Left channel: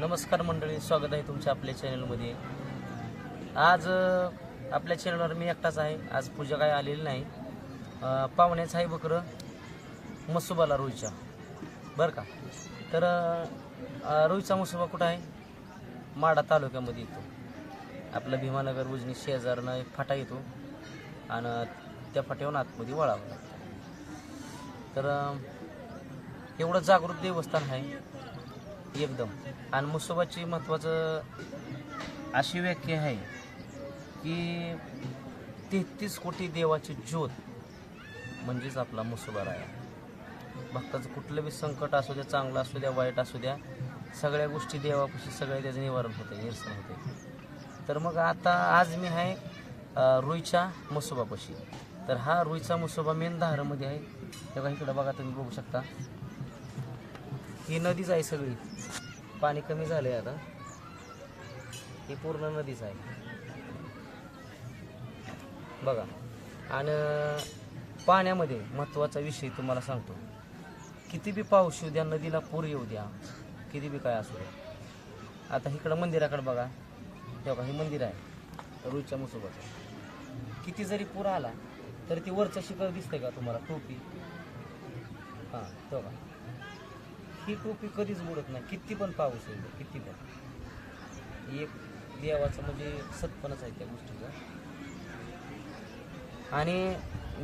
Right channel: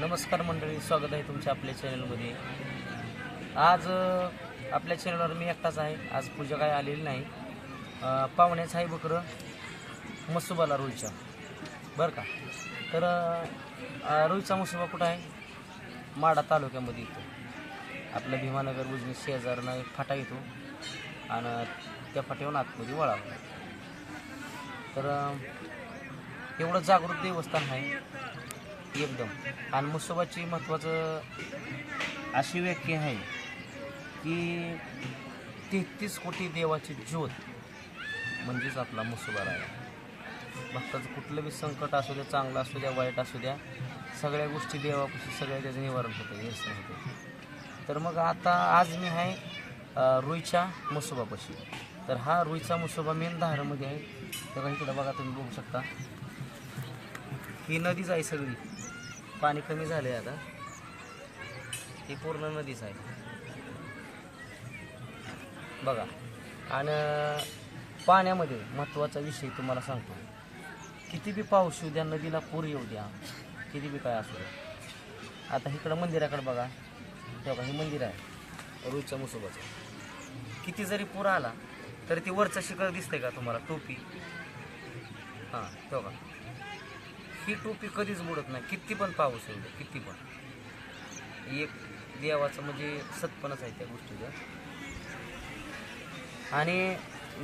नमस्कार मंडळी स्वागत आहे तुमच्या आपल्या चॅनलमध्ये आज आपल्या चॅनलवर मी एकटाच आहे. आज पूजा काय आलेली नाही. पाहुण्याचं आहे बकरं मसुबाला रोहितचा. बरं का? तर रोहितचा मसुबा कुठं आहे? माडा तालुक्यामध्ये येतो. आपलं भीमानगर उजनी शेजारनं एक फाटा येतो. आणि त्या फाट्यावर आतमध्ये वळावं तर एवढं जागृत देवस्थान आहे. एकदम. आणि मुसोबाची महत्त्वाचं अशी व्याख्या आहे की तेहतीस कोटी देवाची ज्योत म्हणजेच आपला मुसोबा राया भक्ताचं कुठलं बी संकट असू द्या चांगलं असू द्या वाईट असू द्या सगळ्या गोष्टी देवापाशी सगळ्या त्याचं निवारण होतं निरसन होतं. तर मग आता आज मी आहे रुईच्या मुसोबापाशी. तर हा रुईचा मुसोबा मेन धारामध्ये आहे. तर इकडं बघा तुम्ही बघू शकता. ही नदीच आहे सगळी. पाणी कमी झालं आहे आता. ही पूर्ण नदीच आहे. बघा. आणि पाण्यामध्ये महत्त्वाचा विषय तुम्हाला सांगतो. किती बी पाऊस येऊ द्या नदीला पूर येऊ द्या किती बी काय असू द्या. आता इकडं मंदिराकडे बघा. तेव्हा हे मंदिर आहे. रुईच्या मुसोबाचं किती जरी पूर आला तरी ती वरचं शिखर दिसतंय का तुम्हाला? टोपी. हां तेव्हा ही टोपी कधीच बुडत नाही. किती पण पाऊस येईल किती पण. एक देवाचं म्हणजे सत्पणच आहे त्या गोष्टीचा. आणि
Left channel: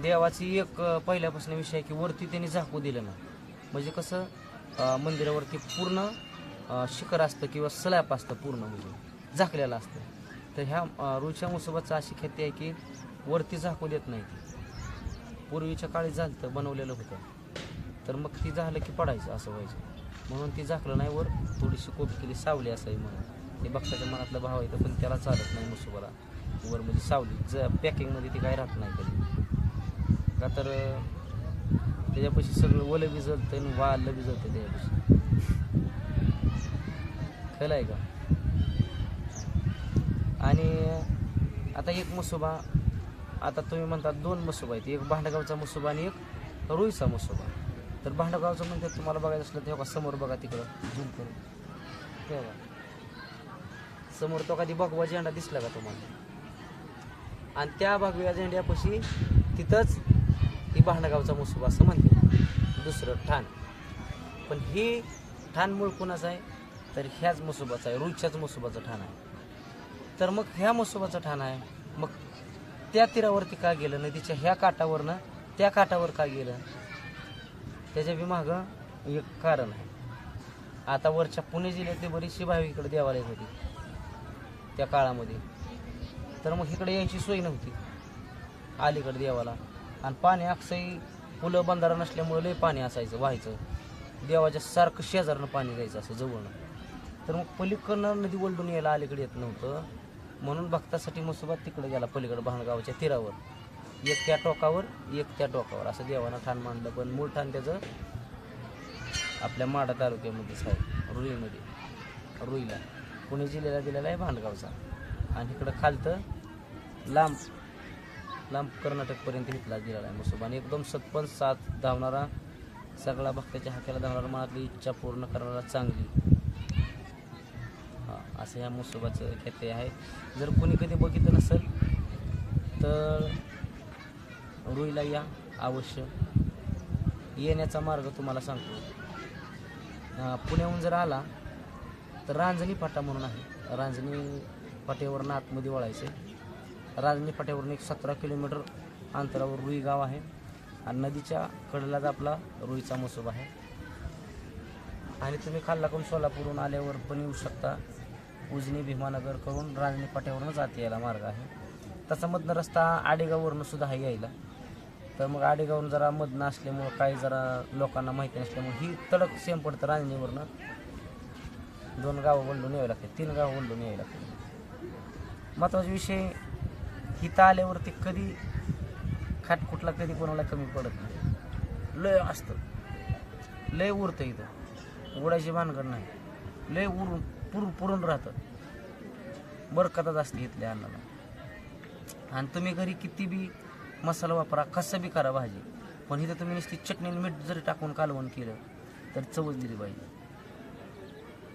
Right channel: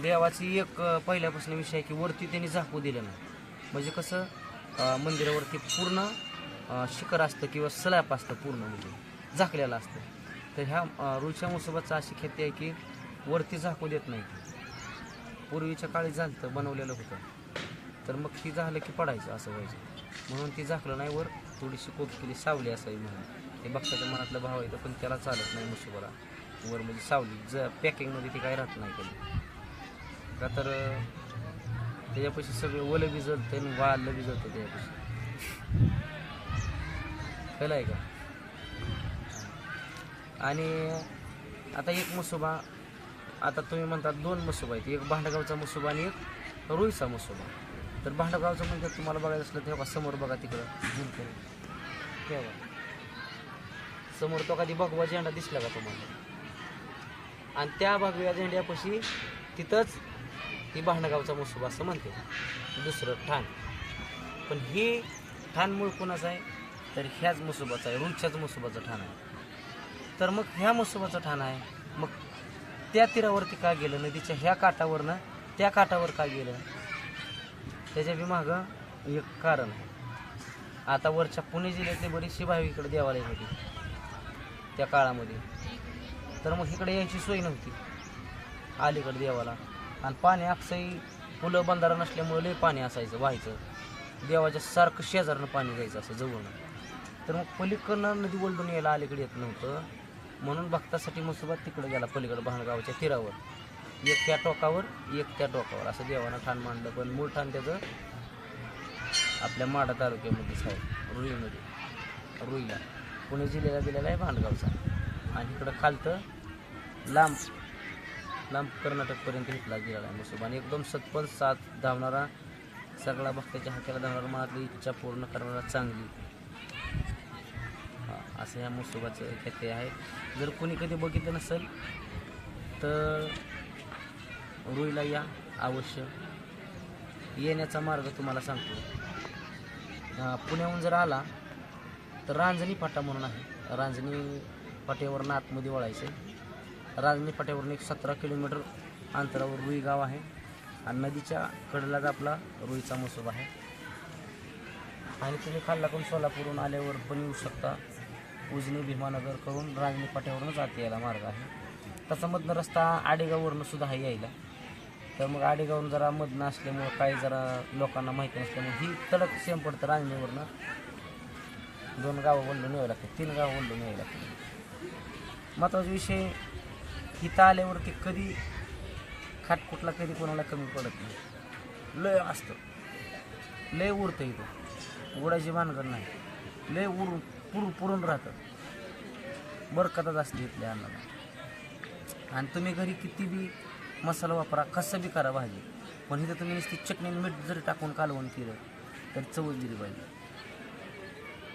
देवाची एक पहिल्यापासून विषय आहे की वरती त्यांनी झाकू दिलं नाही. म्हणजे कसं मंदिरावरती पूर्ण शिखर असतं किंवा स्लॅप असतं पूर्ण म्हणजे झाकलेलं असतं. तर ह्या अं, रुळच्या अशी ख्याती आहे की वरती झाकू देत नाही. पूर्वीच्या काळी झालं बनवलेलं होतं. तर मग ही झालं की पडायचं असं व्हायचं. म्हणून ती झाकलं नाही वर थोडीशी कोप केली सावली असावी म्हणून. ते बक्षाच्या मनातला भाव येतं पण त्याला चालत नाही मुसुबाला वर म्हणजे सावली. ज पॅकिंगमध्ये ती काय राहत नाही कधी. का तर त्याच्यापाशी सगळं ओलं बी जळतं आणि वाळलं बी जळतं त्याच्यापाशी. कळलं आहे का? आणि आता एक मसोबा आता तुम्ही म्हणता दोन मसोबा आहेत. एक भांडगावचा मुसोबा आणि एक रुईचा मसोबा. तर भांडगावचं म्हणजे तुम्हाला बघायचं असलं तेव्हा समोर बघा तिकडं झूम करून. तेव्हा समोर तो कधी भगवा झेंडा दिसला का तुम्हाला? आणि त्या भगव्या झेंड्यापाशी तिथंच ही भांडगावचा मुसोबा असं म्हणते. दुसरं ठाण. पण ही ठाण मूळ कोणाचं आहे? तर ह्याच मसुबाचं आहे रुईच्याच मसुबाचं ठाण आहे. तर मग ह्या मसुबाचं ठाण आहे. मग त्या तीरावरती का गेलं? नदीच्या ह्या काठावरनं त्या काठावर का गेलं? त्याच्या बी मागं एक कारण आहे. आता वरच्या पुणे जिल्ह्यातली बरीचशी भाविकडे देवालय होती. त्या काळामध्ये. तर मग इकडे यायची सोय नव्हती. अलीकडे देवाला. आणि पाणी अक्षयी पुलं बंधारा नसल्यामुळे लय पाणी असायचं व्हायचं. देवाच्या सारखं शेजारनं पाणी द्यायचं असं जवळनं. तर मग पलीकडनं नदी ओलडून यायला अलीकडे येत नव्हतं. म्हणून भक्तासाठी मुसोबात तिकडे गेला पलीकडे भाणगावच्या तीरावर. एक त्या टोकावर एक त्या टोकावर असं देवानं ठाण मांडलं. पण मूळ ठाण त्याचं आपल्या माडा तालुक्यामध्येच आहे रुईमध्ये. रुईला. पुणे जिल्ह्याला दिलेला आहे भांडगावचा. आणि इकडं खालतं लांब लांब कर्नाटकपर्यंत घेतला गेलेला आहे मुसोबा आणि एकदम सतपन साथ धावणारा सगळा भक्ताच्या हाकेला धावणारा मनातली इच्छा पूर्ण करणारा चांगली. हा, असं ह्या मुसोबाचं ख्याती आहे. जर कोणी कधी बघितलं नसेल तर रुईला या अवश्य. येण्याचा मार्ग तुम्हाला सांगतो. पुण्याहून जर आला तर रांजणी फाटा म्हणून आहे. रांजणी फाट्यावरनं आतमध्ये वळायचं रांजणी फाट्यावरून एक सतरा किलोमीटर अंतरावर रुई गाव आहे. आणि नदीच्या कडेलाच आपला रुईचा मसोबा आहे. आणि तुम्ही खाल्लाकडून सोलापूरहून आल्यावर पण येऊ शकता. उजनी भीमानगर करून रांजणी फाट्यावरूनच आत यायला मार्ग आहे. तसा मधनं रस्ता आडेगाववरून सुद्धा आहे यायला. तर मग आडेगावरून जरा मधनं असल्यामुळं काही जरा लोकांना माहिती नसल्यामुळे ही तडक सेम पडतं रांजणीवरनं. दोन गावं वळून यावं लागते तीन गावं वळून यावं लागते महत्त्वाचा विषय इथं आल्यावरती कधी खाटकुटला कधी कोणाला कमी पडत नाही. लय असतं. लय उरतं इथं. उडायची भानगड नाही. लय उरून पुर पुरून राहतं. बरकतच असते इथल्या अन्नाला. आणि तुम्ही घरी किती बी मसाला वापरा कसं बी करा भाजी. पण इथं तुम्ही नुसती चटणी मीठ जरी टाकून कालवण केलं तर चवच दिली पाहिजे.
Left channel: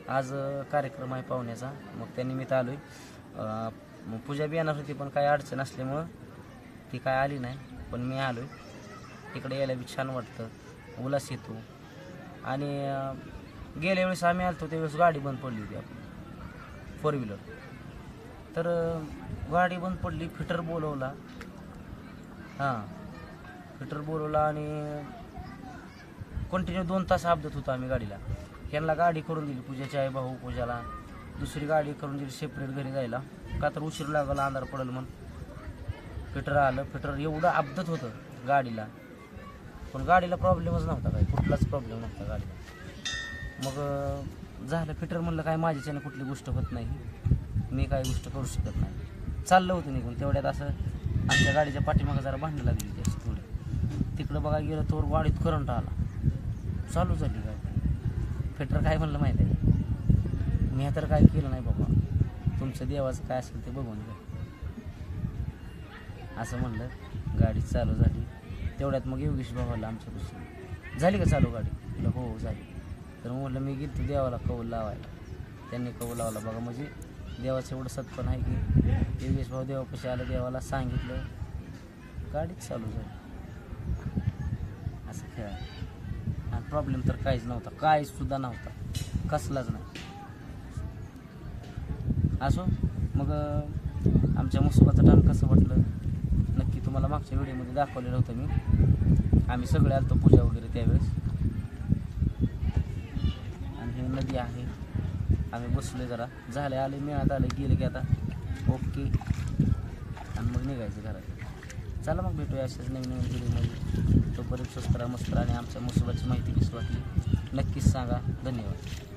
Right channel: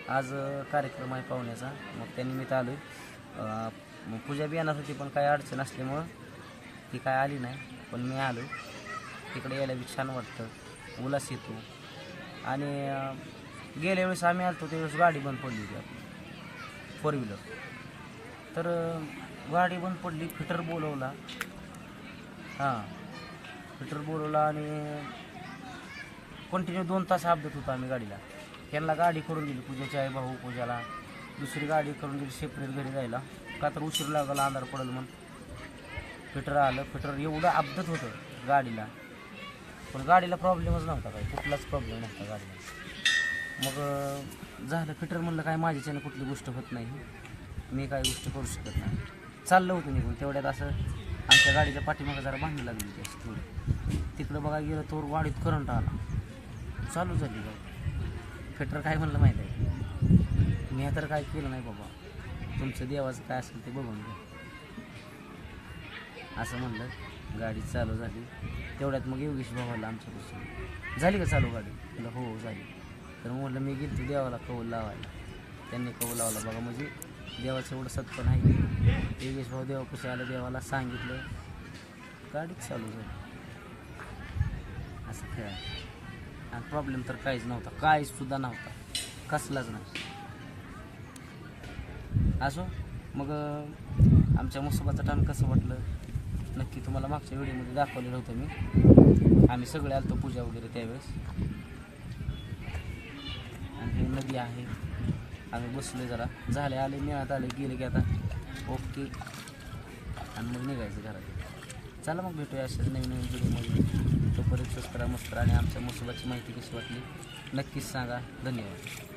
आज कार्यक्रम आहे पाहुण्याचा. मग त्यानिमित्त आलो आहे मग पूजा बी येणार होती पण काय अडचण असल्यामुळं ती काय आली नाही. पण मी आलो तिकडे यायला बी छान वाटतं. उलास येतो. आणि गेल्या वेळेस आम्ही आलतो त्यावेळेस गाडी बंद पडली होती आपली. फोर व्हीलर तर गाडी बंद पडली फिटर बोलवला. हां. फिटर बोलवला आणि कंटिन्यू दोन तास अपघात होतो आम्ही गाडीला. त्यांना गाडी करून दिली पूजाची आई भाऊ पूजाला. दुसरी गाडी करून दिली सेपरेट घरी जायला. का तर उशीर लागला अंधार पडेल म्हणून. फिटर आलं. फिटर एवढं अपघात होतं गाडीला. पण गाडीला प्रॉब्लेमच नव्हता काही. कुठलाच प्रॉब्लेम नव्हता गाडीला. मग झालं. फिटर म्हणलं काय माझ्याच्यानं कुठली गोष्ट होत नाही. मी काय गोष्ट करू शकत नाही. चाललं होतं निघून. तेवढ्यात असं आमच्या गाडीच्या पाठीमागं जरा भांडी लागली त्याची थोडी. तिकडं बघा गेलं तर गाडीत करंट आला. चालू झाली गाडी. फिटर काय म्हणलं माहीत आहे मी तर काय केलं नाही बाबा. तुमच्या देवाचं काय असेल ते बघून घ्या. असं म्हणलं गाडी चालू झाली. तेवढ्यात मग योगेश भावाला दुसरं झाली का चालू गाडी? म्हटलं हो झाली. तर मग म्हटलं मी गेलो देवाला कौल लावायला. त्यांनी कौल लावला. बघा म्हणजे देवाचं एवढं सत्पण आहे की योगेश भाऊ देवापाशी आलं देवाला सांगितलं गाडीच चालू झाली. असं खेळ आणि प्रॉब्लेम तर काहीच नव्हता काहीच सुद्धा नव्हता. कसलाच नाही. असो मग आमच्या मुसुबाचं टन कसं वाटलं? नक्की तुम्हाला मागच्या व्हिडिओमध्ये दाखवलेलं होतं मी. आम्ही सगळे आलतो पूजा वगैरे त्यावेळेस. आणि ही नदी आहे. आम्ही बसलोय जरा. झाले आले मिळत आले गेले की आता. ओके. आणि मग निघायचं घरात. चला मग भेटूया अशाच नवीन नवीन व्हिडिओमध्ये. तोपर्यंत स्वस्त राहा मस्त आणि आमच्या मसुबाची माहिती कशी वाटली नक्कीच सांगा. धन्यवाद.